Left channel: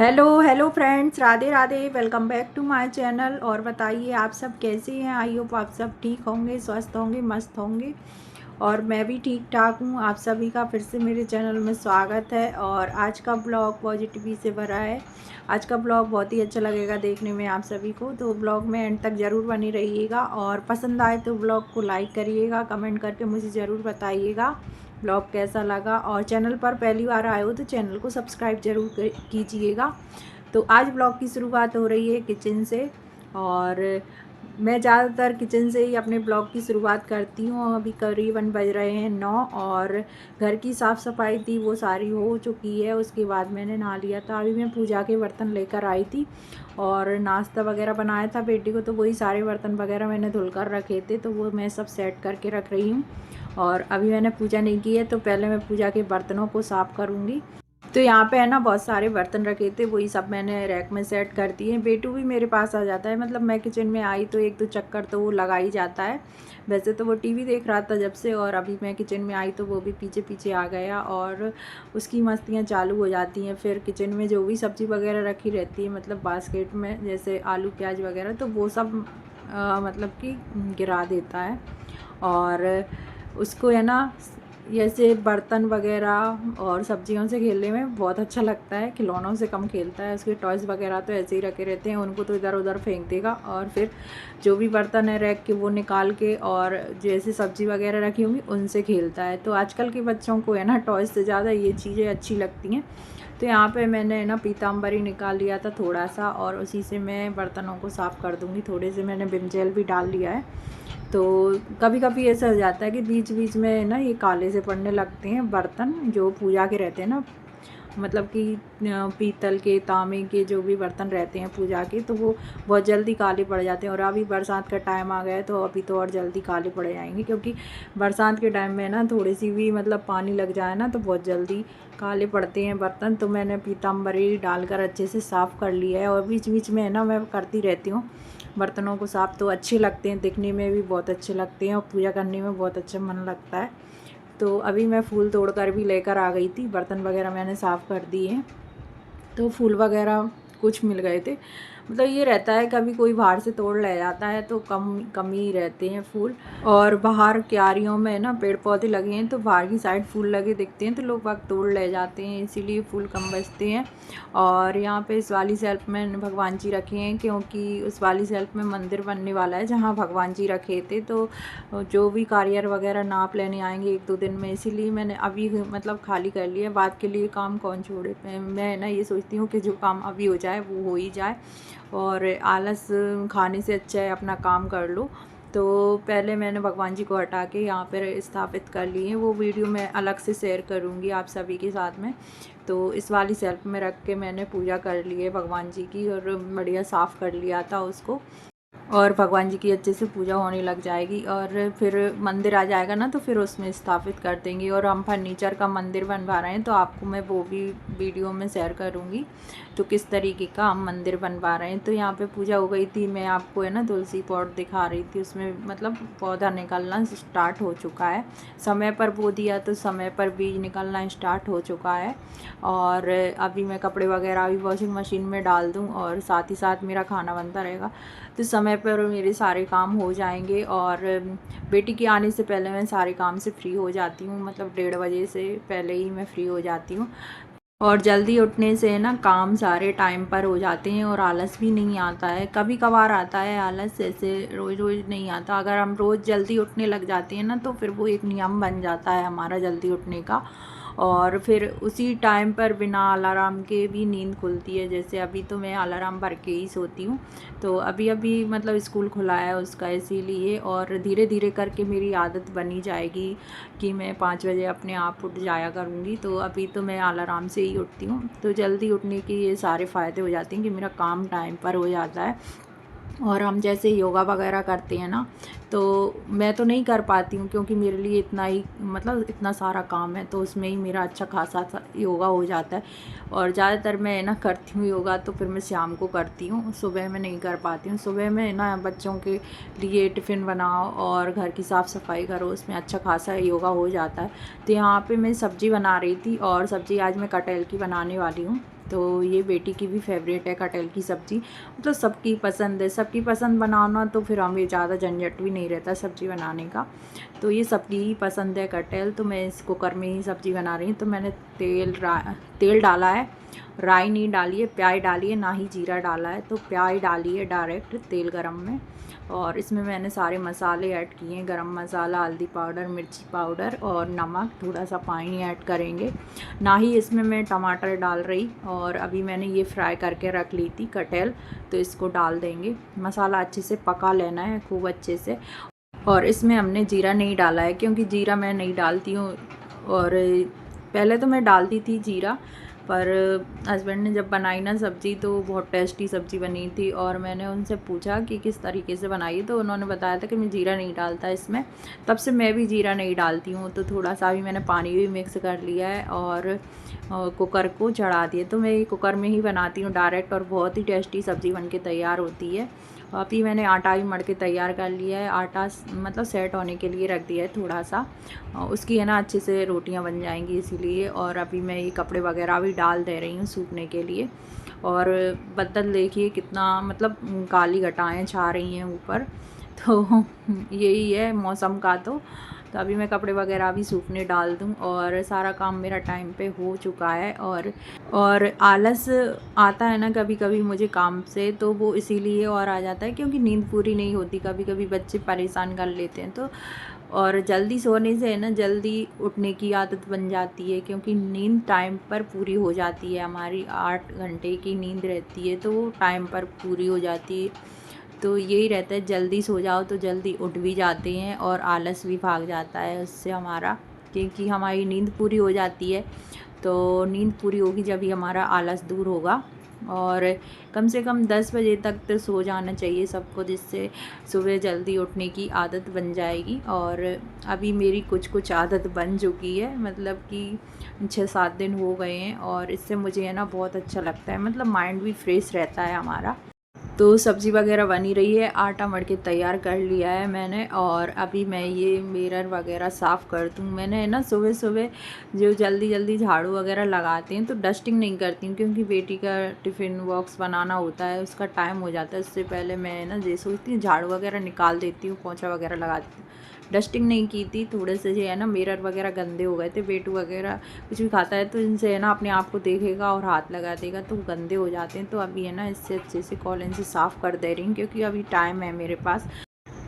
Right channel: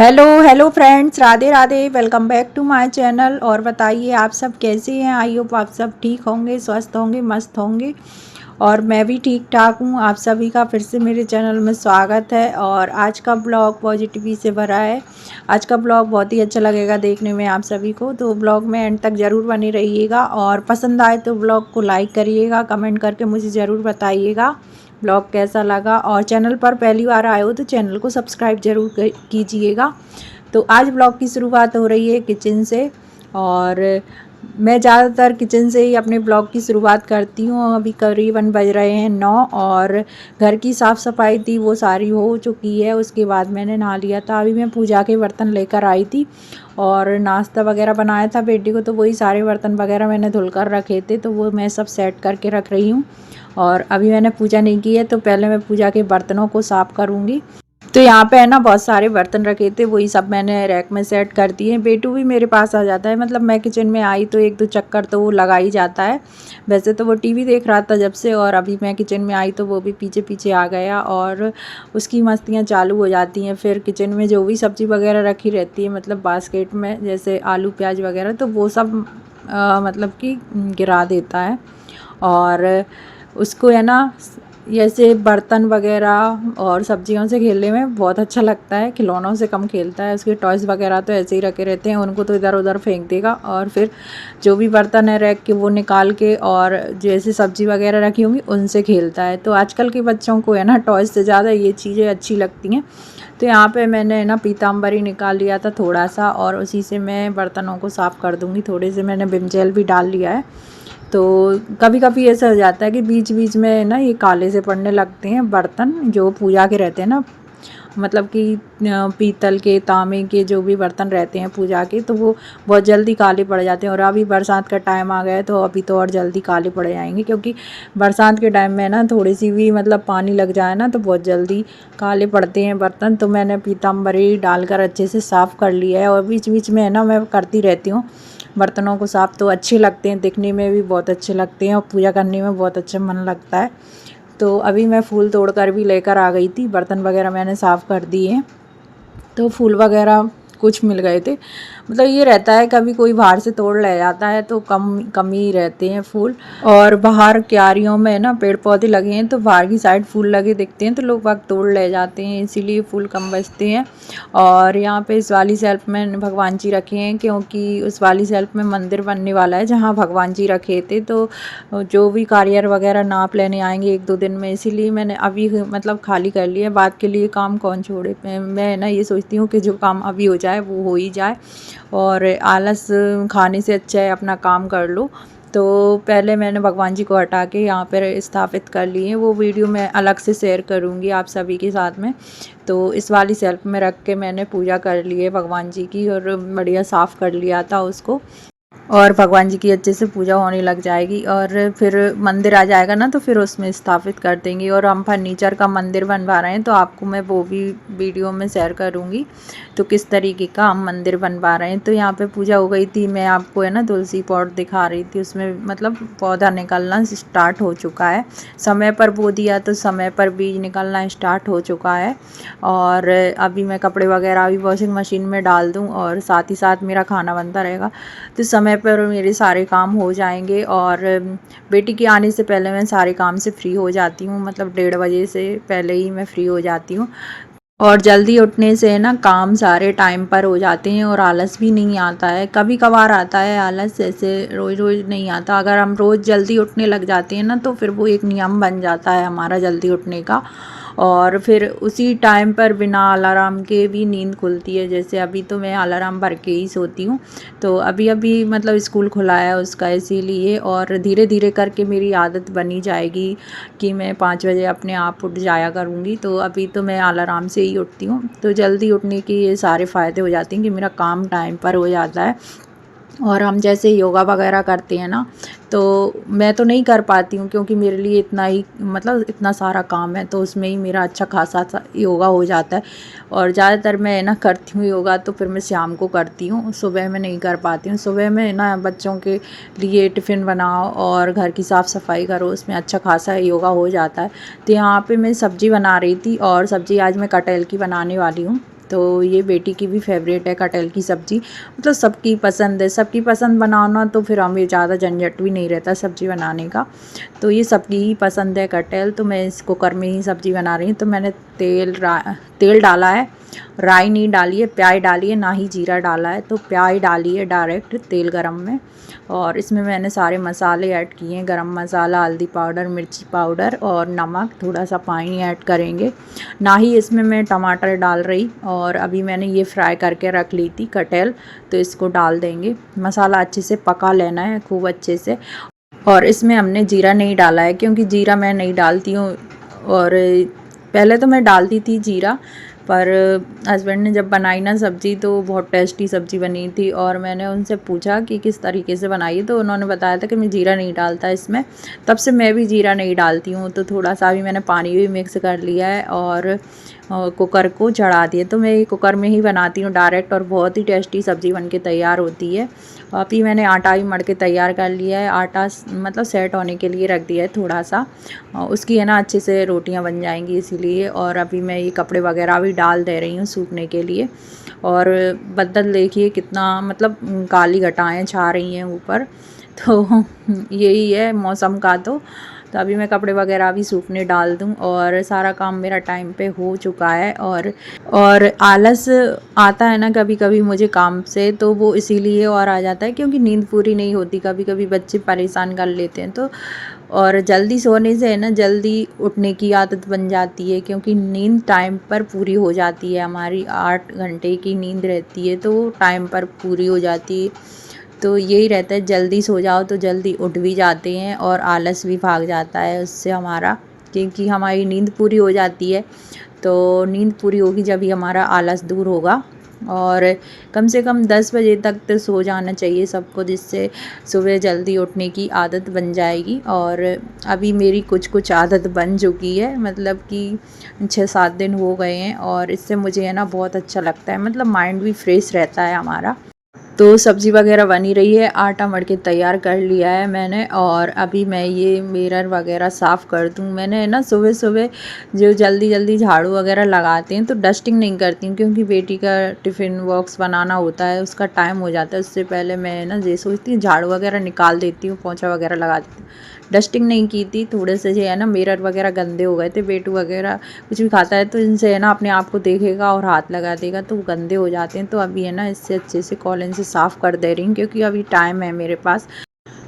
Hello hello friends, Radhe Radhe. Welcome back to my channel. और बताइए आप सब कैसे हैं। आई होप आप सब ठीक होंगे, स्वस्थ होंगे, मस्त होंगे। और मैं भी ठीक ठाक हूँ। आप सभी का फिर से मेरे चैनल में स्वागत है। और आज का ब्लॉग पॉजिटिविटी से भरा है। आज का ब्लॉग बहुत ही अच्छा लगेगा देखने में आप सभी को, तो ब्लॉग में एंड तक ज़रूर बने रहिएगा। और पसंद आए तो ब्लॉग को लाइक करिएगा, कमेंट करके मुझे ज़रूर बताइएगा ब्लॉग कैसा लगा। और चैनल पर पहली बार आए हो तो चैनल को सब्सक्राइब ज़रूर कीजिएगा। तो आज ब्लॉग की शुरुआत हो रही है किचन से। और मैं ज़्यादातर किचन से ही अपने ब्लॉग की शुरुआत करती हूँ। अभी करीबन बज रहे हैं 9 और घर की साफ़ सफाई थी वो सारी हो चुकी है। उसके बाद मैंने नहा लिया था। अभी मैं पूजा के बर्तन लेकर आई थी और नाश्ता वगैरह बनाया था बेटी को, तो वही सारे बर्तन वगैरह मैंने धुलकर रखे थे, तो वो मैं सब सेट करके रख रही हूँ। और अभी मैंने पूजा नहीं की है, तो पहले मैं पूजा के बर्तनों को साफ़ करूँगी। तो यहाँ पे है ना बहुत सारे बर्तन रखे थे, वही सब मैंने रैक में सेट कर दिए। बेटू भी मेरे पास आ जाता है, मतलब मैं किचन में आई तो एक दो चक्कर तो वो लगा ही जाता है। वैसे तो वो टीवी देख रहा था जब से, और अभी मैं किचन में आई तो वो भी पीछे पीछे आ गया और उसकी मस्तियाँ चालू हो जाती हैं। फिर किचन में जो भी सब्ज़ी वगैरह रखी रहती है, मतलब बास्केट में, जैसे आलू प्याज वगैरह, तो वो सब मतलब कि गिरा देता है। और उसको है ना जैसे बर्तन वगैरह और सब्जियों से खेलने में बहुत अच्छा लगता है, खिलौनों से कम खेलता है। उसके टॉयज़ वगैरह तो ऐसे ही रखे रहते हैं, उनको तो इधर उधर फेंक देगा। और फिर जो भी बर्तन है रख के वो निकाल के, और जैसे सब्ज़ी वगैरह रखी होंगी उनसे खेलता है। तो आजकल के बच्चों को है ना टॉयज़ से ज़्यादा ये चीज़ें अच्छी लगती हैं। तो यहाँ पे मैंने ना पीताम्बरी निकाल लिया था थोड़ा सा, और उसी से मैं बर्तनों को साफ़ कर दूँगी। थोड़े से मैंने विम जेल भी डाल लिया है। तो कभी कभी ऐसा हो जाता है कि बीच बीच में ना ये काले से पड़ने लगते हैं बर्तन जो पूजा के रहते हैं ना, मतलब कि पीतल के, तांबे के जो भी बर्तन रहते हैं पूजा के, तो वो बहुत जल्दी काले पड़ जाते हैं। और अभी बरसात का टाइम आ गया है तो अभी तो और जल्दी काले पड़ जाएंगे, क्योंकि बरसात के टाइम में ना थोड़ी सी भी मतलब पानी लग जाए ना तो बहुत जल्दी काले पड़ते हैं बर्तन। तो मैंने पीताम्बरी डालकर अच्छे से साफ़ कर लिया है, और बीच बीच में है ना मैं करती रहती हूँ बर्तनों को साफ़। तो अच्छे लगते हैं, दिखने में भी बहुत अच्छे लगते हैं और पूजा करने में बहुत अच्छा मन लगता है। तो अभी मैं फूल तोड़कर भी लेकर आ गई थी, बर्तन वगैरह मैंने साफ़ कर दिए। तो फूल वगैरह कुछ मिल गए थे, मतलब ये रहता है कभी कोई बाहर से तोड़ ले जाता है तो कम कम ही रहते हैं फूल। और बाहर क्यारियों में ना पेड़ पौधे लगे हैं, तो बाहर की साइड फूल लगे दिखते हैं तो लोग वक्त तोड़ ले जाते हैं, इसीलिए फूल कम बचते हैं। और यहाँ पे इस वाली शेल्फ में भगवान जी रखे हैं, क्योंकि उस वाली शेल्फ में मंदिर बनने वाला है जहाँ भगवान जी रखे थे। तो जो भी कारीगर वगैरह नाप लेने आएंगे एक दो दिन में, इसीलिए मैंने अभी मतलब खाली कर लिया। बात के लिए काम कौन छोड़े। मैं ना ये सोचती हूँ कि जो काम अभी हो जाए वो हो ही जाए, और आलस खाने से अच्छा है अपना काम कर लो। तो पहले मैंने भगवान जी को हटा के यहाँ पर स्थापित कर लिए। वो वीडियो मैं अलग से शेयर करूँगी आप सभी के साथ में। तो इस वाली शेल्फ में रख के मैंने पूजा कर ली है भगवान जी की, और बढ़िया साफ़ कर लिया था उसको। और भगवान जी की अच्छे से पूजा होने लग जाएगी, और फिर मंदिर आ जाएगा ना तो फिर उसमें स्थापित कर देंगे। और हम फर्नीचर का मंदिर बनवा रहे हैं, तो आपको मैं वो भी वीडियो में शेयर करूँगी तो किस तरीके का हम मंदिर बनवा रहे हैं। तो यहाँ पे पूजा हो गई थी, मैं आपको है ना तुलसी पॉट दिखा रही थी, उसमें मतलब पौधा निकलना स्टार्ट हो चुका है। समय पर बो दिया तो समय पर बीज निकलना स्टार्ट हो चुका है। और अभी मैं कपड़े वगैरह अभी वॉशिंग मशीन में डाल दूँ, और साथ ही साथ मेरा खाना बनता रहेगा, तो समय पर मेरे सारे काम हो जाएंगे। और बेटी के आने से पहले मैं सारे काम से फ्री हो जाती हूँ, मतलब 1:30 से पहले ही मैं फ्री हो जाती हूँ। और जल्दी उठने से ना काम सारे टाइम पर हो जाते हैं, और आलस भी नहीं आता है। कभी कभार आता है आलस, ऐसे रोज़ रोज़ नहीं आता। अगर हम रोज़ जल्दी उठने लग जाते हैं ना तो फिर वो एक नियम बन जाता है हमारा जल्दी उठने का। और फिर उसी टाइम पर बिना अलार्म के भी नींद खुलती है। जैसे अभी तो मैं अलार्म भर के ही सोती हूँ, तो अभी अभी मतलब स्कूल खुला है उसका, इसीलिए। और धीरे धीरे करके मेरी आदत बनी जाएगी कि मैं 5 बजे अपने आप उठ जाया करूँगी। तो अभी तो मैं अलार्म से ही उठती हूँ, तो जल्दी उठने के ये सारे फ़ायदे हो जाते हैं कि मेरा काम टाइम पर हो जाता है। और हम जैसे योगा वगैरह करते हैं ना, तो मैं तो नहीं कर पाती हूँ, क्योंकि मेरे लिए इतना ही मतलब इतना सारा काम है, तो उसमें ही मेरा अच्छा खासा योगा हो जाता है। और ज़्यादातर मैं ना करती हूँ योगा तो फिर मैं शाम को करती हूँ, सुबह में नहीं कर पाती हूँ। सुबह में ना बच्चों के लिए टिफ़िन बनाओ और घर की साफ़ सफाई करो, उसमें अच्छा खासा योगा हो जाता है। तो यहाँ पे मैं सब्ज़ी बना रही थी, और सब्ज़ी आज मैं कटहल की बनाने वाली हूँ। तो ये बेटी की भी फेवरेट है कटहल की सब्ज़ी। मतलब सबकी पसंद है, सबकी पसंद बनाना तो फिर हमें ज़्यादा झंझट भी नहीं रहता सब्ज़ी बनाने का। तो ये सबकी ही पसंद है कटहल, तो मैं इस कुकर में ही सब्ज़ी बना रही हूँ। तो मैंने तेल डाला है, राई नहीं डाली है, प्याज डाली है, ना ही जीरा डाला है। तो प्याज डाली है डायरेक्ट तेल गरम में, और इसमें मैंने सारे मसाले ऐड किए हैं, गरम मसाला, हल्दी पाउडर, मिर्ची पाउडर और नमक, थोड़ा सा पानी ऐड करेंगे। ना ही इसमें मैं टमाटर डाल रही, और अभी मैंने ये फ्राई करके रख ली थी कटहल, तो इसको डाल देंगे। मसाला अच्छे से पका लेना है खूब अच्छे से। और इसमें हमने जीरा नहीं डाला है, क्योंकि जीरा मैं नहीं डालती हूँ, और पहले तो मैं डालती थी जीरा, पर हस्बैंड ने जब बनाई ना सब्ज़ी तो बहुत टेस्टी सब्ज़ी बनी थी। और मैंने उनसे पूछा कि किस तरीके से बनाई, तो उन्होंने बताया था कि मैं जीरा नहीं डालता इसमें। तब से मैं भी जीरा नहीं डालती हूँ। तो थोड़ा सा भी मैंने पानी भी मिक्स कर लिया है, और कुकर को चढ़ा दिए। तो मैं कुकर में ही बनाती हूँ डायरेक्ट, और बहुत ही टेस्टी सब्ज़ी बनके तैयार होती है। अभी मैंने आटा भी मढ़ के तैयार कर लिया है, आटा मतलब सेट होने के लिए रख दिया है थोड़ा सा, उसकी है ना अच्छे से रोटियां बन जाएंगी इसीलिए। और अभी मैं ये कपड़े वगैरह भी डाल दे रही हूँ सूखने के लिए। और बदल देखिए कितना मतलब काली घटाएं छा रही हैं ऊपर, तो यही है मौसम का। तो अभी मैं कपड़े वगैरह भी सूखने डाल दूँ, और सारा काम मेरा टाइम पे हो चुका है। और आलस आता है ना कभी कभी मुझे काम से, तो वो इसीलिए और आ जाता है क्योंकि नींद पूरी नहीं होती। कभी कभी बच्चे परेशान कर लेते हैं, तो और जल्दी सोने से है ना जल्दी उठने की आदत बन जाती है, क्योंकि नींद टाइम पर पूरी हो जाती है। हमारी 8 घंटे की नींद रहती है, तो टाइम पर पूरी हो जाती है। तो यही रहता है, जल्दी सो जाओ तो जल्दी उठ भी जाते हैं, और आलस भी भाग जाता है उससे हमारा, क्योंकि हमारी नींद पूरी हो जाती है। तो नींद पूरी होगी जब ही हमारा आलस दूर होगा। और कम से कम 10 बजे तक तो सो जाना चाहिए सबको, जिससे सुबह जल्दी उठने की आदत बन जाएगी। और अभी मेरी कुछ कुछ आदत बन चुकी है, मतलब कि 6-7 दिन हो गए हैं, और इससे मुझे है ना बहुत अच्छा लगता है, मतलब माइंड भी फ्रेश रहता है हमारा। तो सब्ज़ी वगैरह बनी रही है, आटा मढ़ के तैयार कर लिया है मैंने। और अभी मैं ये मिरर वगैरह साफ़ कर दूँ। मैंने ना सुबह सुबह जो जल्दी जल्दी झाड़ू वगैरह लगाते हैं, तो डस्टिंग नहीं करती हूँ, क्योंकि बेटी का टिफ़िन बॉक्स बनाना होता है, उसका टाइम हो जाता है। उससे पहले मैं ना ये सोचती हूँ झाड़ू वगैरह निकाल देती हूँ, पोंछा वगैरह लगा देती हूँ। डस्टिंग नहीं की थी, थोड़े से जो है ना मिरर वगैरह गंदे हो गए थे। बेटू वगैरह कुछ भी खाता है तो इनसे है ना अपने आप को देखेगा और हाथ लगा देगा, तो गंदे हो जाते हैं। तो अभी है ना इससे अच्छे से कॉलिन से साफ़ कर दे रही हूँ, क्योंकि अभी टाइम है मेरे पास।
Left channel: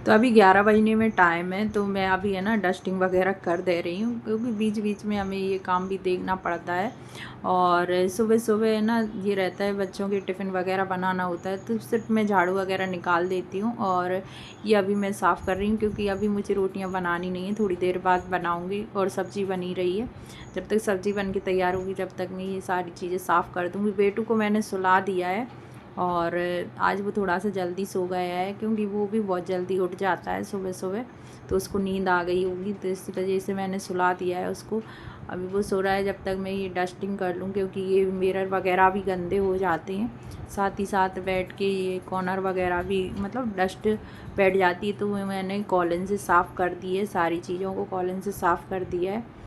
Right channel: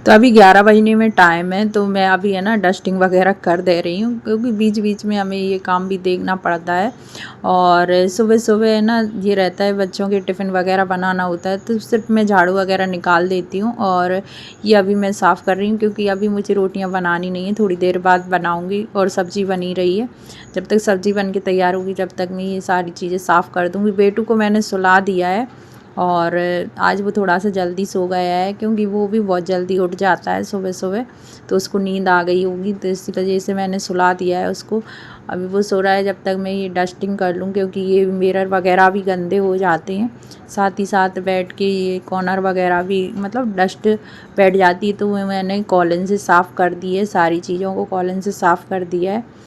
तो अभी 11 बजने में टाइम है, तो मैं अभी है ना डस्टिंग वगैरह कर दे रही हूँ, क्योंकि बीच बीच में हमें ये काम भी देखना पड़ता है। और सुबह सुबह है ना ये रहता है, बच्चों के टिफ़िन वगैरह बनाना होता है, तो सिर्फ मैं झाड़ू वगैरह निकाल देती हूँ। और ये अभी मैं साफ़ कर रही हूँ, क्योंकि अभी मुझे रोटियाँ बनानी नहीं है, थोड़ी देर बाद बनाऊँगी। और सब्ज़ी बनी रही है, जब तक सब्ज़ी बन के तैयार होगी जब तक मैं ये सारी चीज़ें साफ़ कर दूँगी। बेटू को मैंने सुला दिया है, और आज वो थोड़ा सा जल्दी सो गया है, क्योंकि वो भी बहुत जल्दी उठ जाता है सुबह सुबह, तो उसको नींद आ गई होगी, तो इसी वजह से मैंने सुला दिया है उसको। अभी वो सो रहा है, जब तक मैं ये डस्टिंग कर लूँ, क्योंकि ये मिरर वगैरह भी गंदे हो जाते हैं। साथ ही साथ बैठ के ये कॉर्नर वगैरह भी मतलब डस्ट बैठ जाती है, तो वो मैंने कॉलिन से साफ़ कर दी है, सारी चीज़ों को कॉलिन से साफ़ कर दिया है।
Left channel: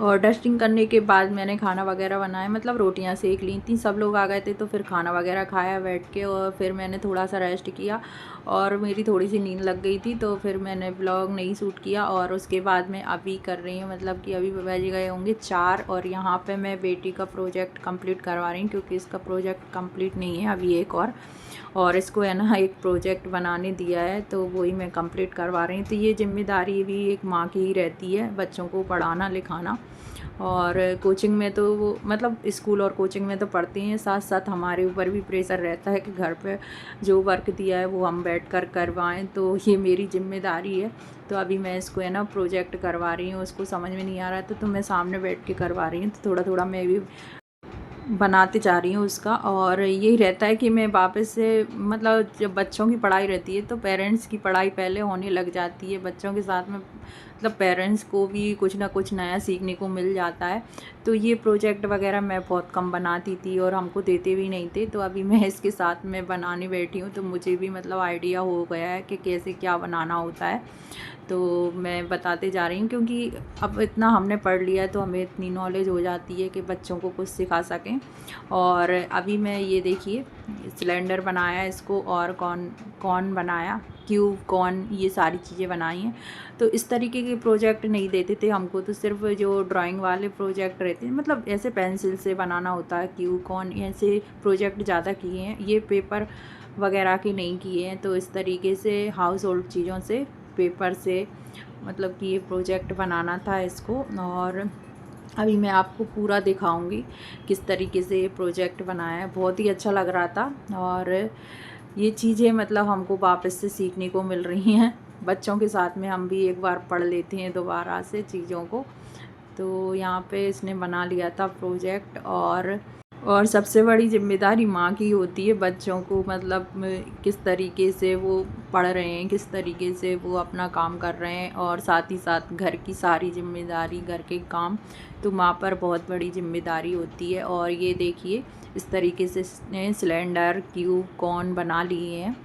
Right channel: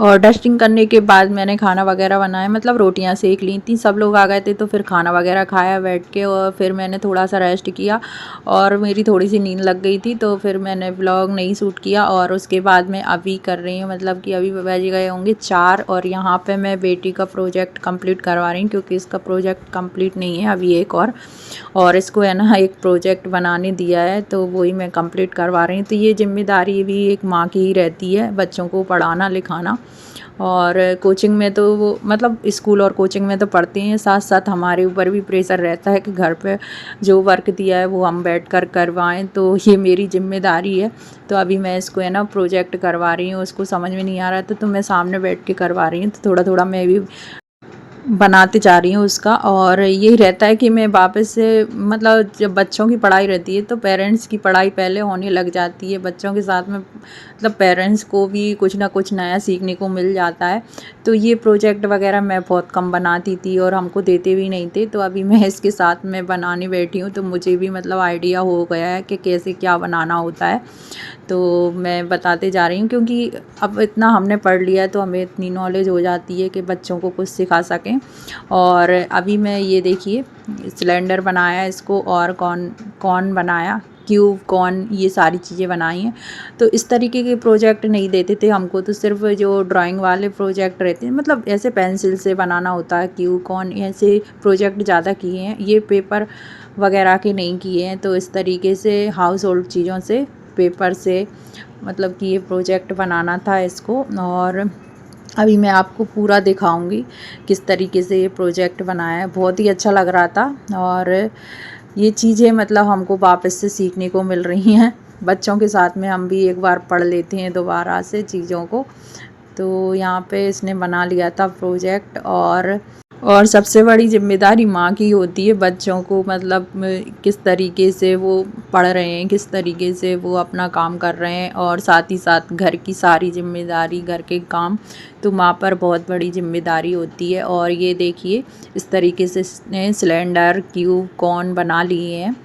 और डस्टिंग करने के बाद मैंने खाना वगैरह बनाया, मतलब रोटियां सेक ली थी। सब लोग आ गए थे, तो फिर खाना वगैरह खाया बैठ के, और फिर मैंने थोड़ा सा रेस्ट किया, और मेरी थोड़ी सी नींद लग गई थी, तो फिर मैंने व्लॉग नहीं शूट किया। और उसके बाद मैं अभी कर रही हूँ, मतलब कि अभी बज गए होंगे 4, और यहाँ पे मैं बेटी का प्रोजेक्ट कंप्लीट करवा रही हूँ, क्योंकि इसका प्रोजेक्ट कंप्लीट नहीं है अभी एक और इसको है ना एक प्रोजेक्ट बनाने दिया है, तो वही मैं कंप्लीट करवा रही हूँ। तो ये जिम्मेदारी भी एक माँ की ही रहती है, बच्चों को पढ़ाना लिखाना। और कोचिंग में तो वो मतलब स्कूल और कोचिंग में तो पढ़ते हैं, साथ साथ हमारे ऊपर भी प्रेशर रहता है कि घर पे जो वर्क दिया है वो हम बैठ कर करवाएँ, तो ये मेरी जिम्मेदारी है। तो अभी मैं इसको है ना प्रोजेक्ट करवा रही हूँ, उसको समझ में नहीं आ रहा था, तो मैं सामने बैठ के करवा रही हूँ। तो थोड़ा थोड़ा मैं भी बनाते जा रही हूँ उसका। और यही रहता है कि मैं वापस से मतलब जब बच्चों की पढ़ाई रहती है, तो पेरेंट्स की पढ़ाई पहले होने लग जाती है, बच्चों के साथ में मतलब पेरेंट्स को भी कुछ ना कुछ नया सीखने को मिल जाता है। तो ये प्रोजेक्ट वगैरह मैं बहुत कम बनाती थी और हमको देते भी नहीं थे, तो अभी मैं इसके साथ में बनाने बैठी हूँ, तो मुझे भी मतलब आइडिया हो गया है कि कैसे क्या बनाना होता है। तो मैं बताते जा रही हूँ, क्योंकि अब इतना हमने पढ़ लिया है तो हमें इतनी नॉलेज हो जाती है कि बच्चों को कुछ सिखा सकें। और अभी मैं ये देखिए सिलेंडर बनाया इसको, और कॉर्न बनाया, क्यूब कॉर्न, ये सारी चीज़ें बनाई हैं। तो इस तरीके के प्रोजेक्ट नहीं देते थे हमको, तो सिर्फ जो ड्राइंग वाले प्रोजेक्ट रहते हैं, मतलब ऐसे पेंसिल से बनाना होता है, क्यूब कॉर्न ऐसे प्रोजेक्ट ज़्यादा किए हैं, ये पेपर वगैरह के नहीं किए हैं। तो इस तरीके से हाउस होल्ड चीज़ों से, पेपर से, मतलब कि ये प्रोजेक्ट बनाना था इसको। और अभी मैं आपको पूरा दिखाऊंगी किस तरीके से ये प्रोजेक्ट बनाया है। बहुत ही अच्छा लग रहा था, और ये चीज़ें मतलब हमको वापस से सीखने को मिल रही हैं। बच्चों के साथ में हम भी एक बार पढ़ लेते हैं दोबारा से चीज़ों को। तो यहाँ पे इसने बना लिया था प्रोजेक्ट। और सबसे बड़ी ज़िम्मेदारी माँ की होती है बच्चों को, मतलब किस तरीके से वो पढ़ रहे हैं, किस तरीके से वो अपना काम कर रहे हैं, और साथ ही साथ घर की सारी ज़िम्मेदारी, घर के काम, तो माँ पर बहुत बड़ी ज़िम्मेदारी होती है। और ये देखिए इस तरीके से इसने सिलेंडर, क्यूब, कॉर्न बना लिए हैं,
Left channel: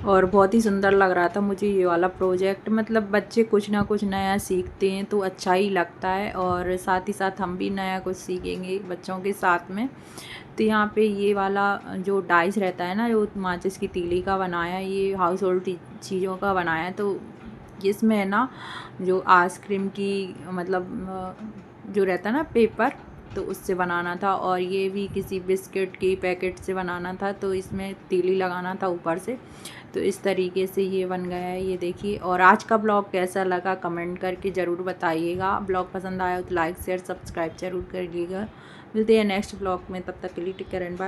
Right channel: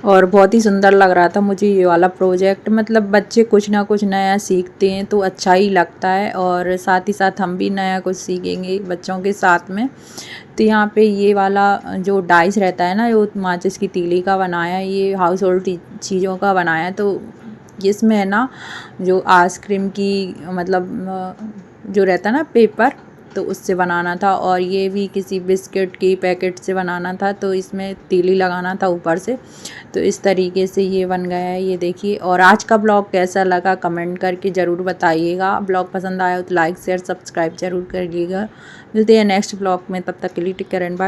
और बहुत ही सुंदर लग रहा था मुझे ये वाला प्रोजेक्ट। मतलब बच्चे कुछ ना कुछ नया सीखते हैं तो अच्छा ही लगता है, और साथ ही साथ हम भी नया कुछ सीखेंगे बच्चों के साथ में। तो यहाँ पे ये वाला जो डाइस रहता है ना, जो माचिस की तीली का बनाया, ये हाउस होल्ड चीज़ों का बनाया। तो इसमें है ना जो आइसक्रीम की, मतलब जो रहता है ना पेपर, तो उससे बनाना था। और ये भी किसी बिस्किट की पैकेट से बनाना था, तो इसमें तीली लगाना था ऊपर से। तो इस तरीके से ये बन गया है, ये देखिए। और आज का ब्लॉग कैसा लगा कमेंट करके ज़रूर बताइएगा। ब्लॉग पसंद आया हो तो लाइक शेयर सब्सक्राइब ज़रूर करिएगा। मिलते हैं नेक्स्ट ब्लॉग में, तब तक के लिए टेक केयर एंड बाय।